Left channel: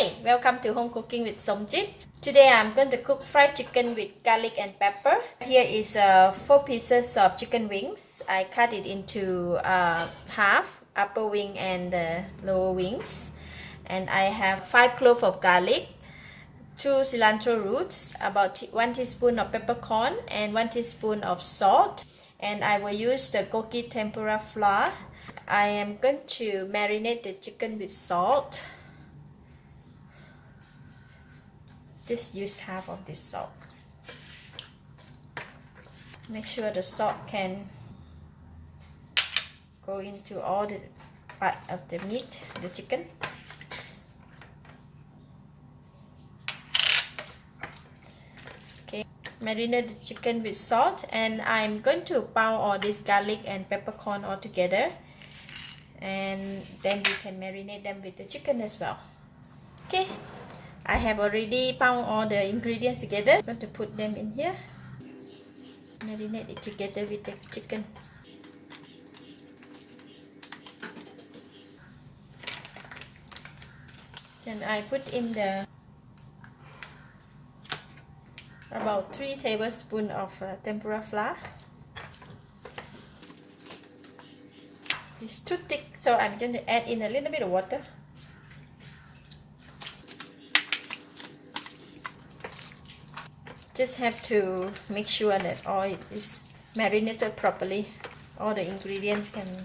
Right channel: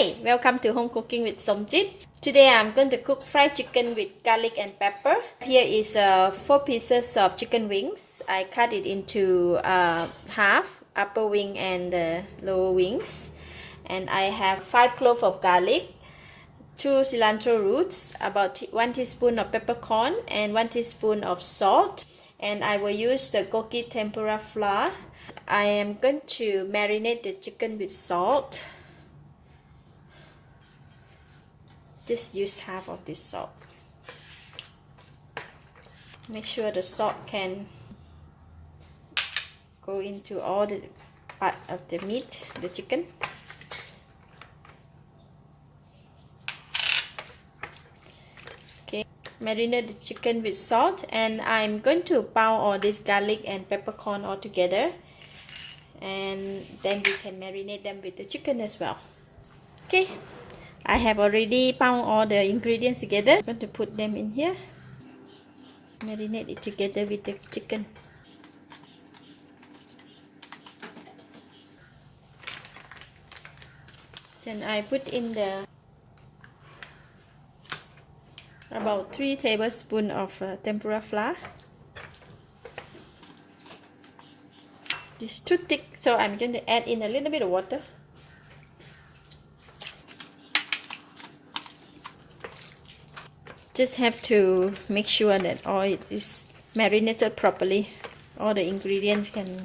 Hi, welcome to Home Cooking with Somjit. Today I'm going to cook fried chicken with garlic and pepper. Here is 4 pieces of chicken wings. I cut it into half, upper wing and the lower wings. And I have 5 cloves of garlic, 2 cilantro roots, about 1 teaspoon of peppercorn and 1 teaspoon of salt. And I will use the Gogi tempura flour. I am going to marinate the chicken with salt. Just use half of this salt. Make sure the salt can go into all the part of the meat, the chicken. Okay, marinate the chicken with salt, and I'm going to pound all this garlic and peppercorn all together, and then we can marinate them with the chicken as well. Okay, I have already pound all the ingredients together. I'm going to put them in here. Marinate it together with the chicken. Then I put in the about 3 tablespoons of tempura flour. It's too thick, so I'm going to add in a little bit of water. Just have to make sure that all it is marinated properly. All the ingredients can,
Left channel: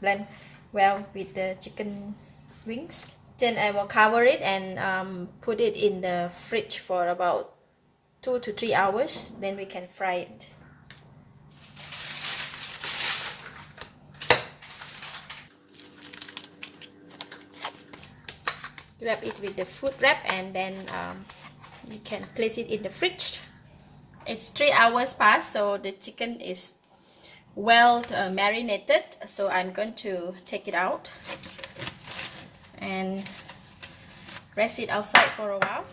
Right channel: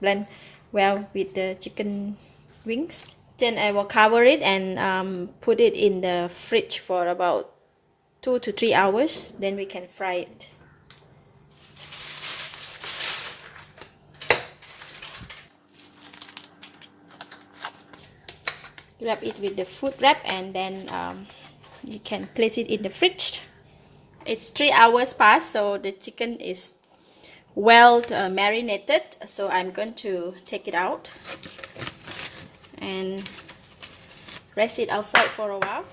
blend well with the chicken wings. Then I will cover it and put it in the fridge for about 2 to 3 hours. Then we can fry it. Wrap it with the food wrap, and then you can place it in the fridge. It's 3 hours past, so the chicken is well marinated. So I'm going to take it out and rest it outside for a while.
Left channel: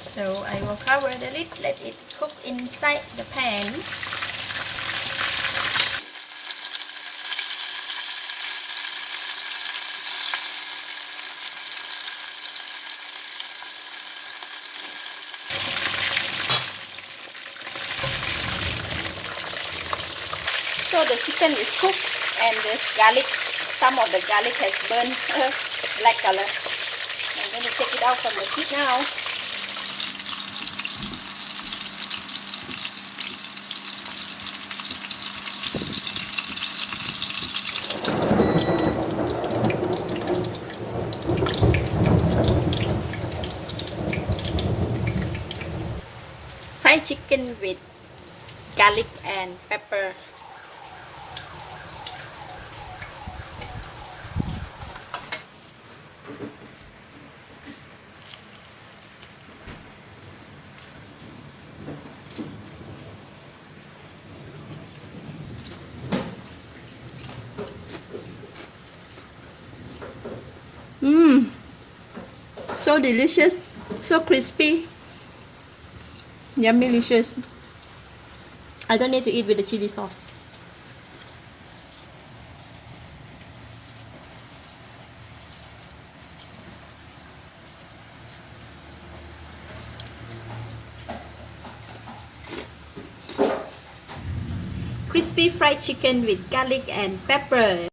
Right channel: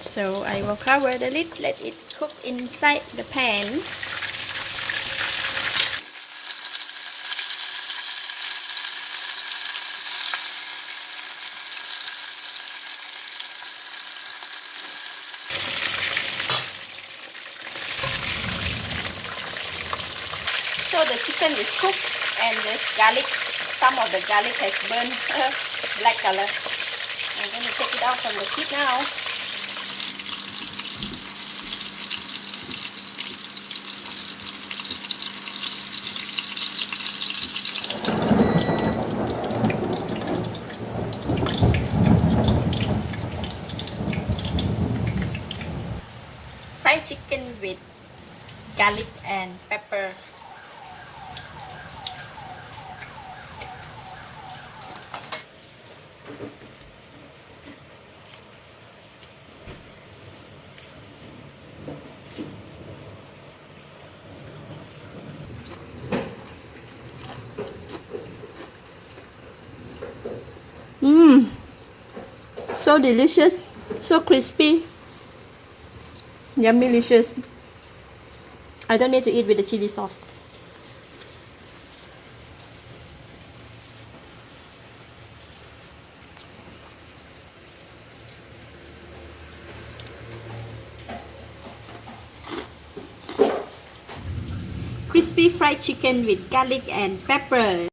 So I will cover the lid, let it cook inside the pan. So the chicken is cooked, and this garlic, some of the garlic has burned black color. I'm going to take it out from the heat now. Fried chicken with garlic and pepper. So delicious, so crispy. Yummy, delicious. I don't need to eat with the chili sauce. Crispy fried chicken with garlic and pepper.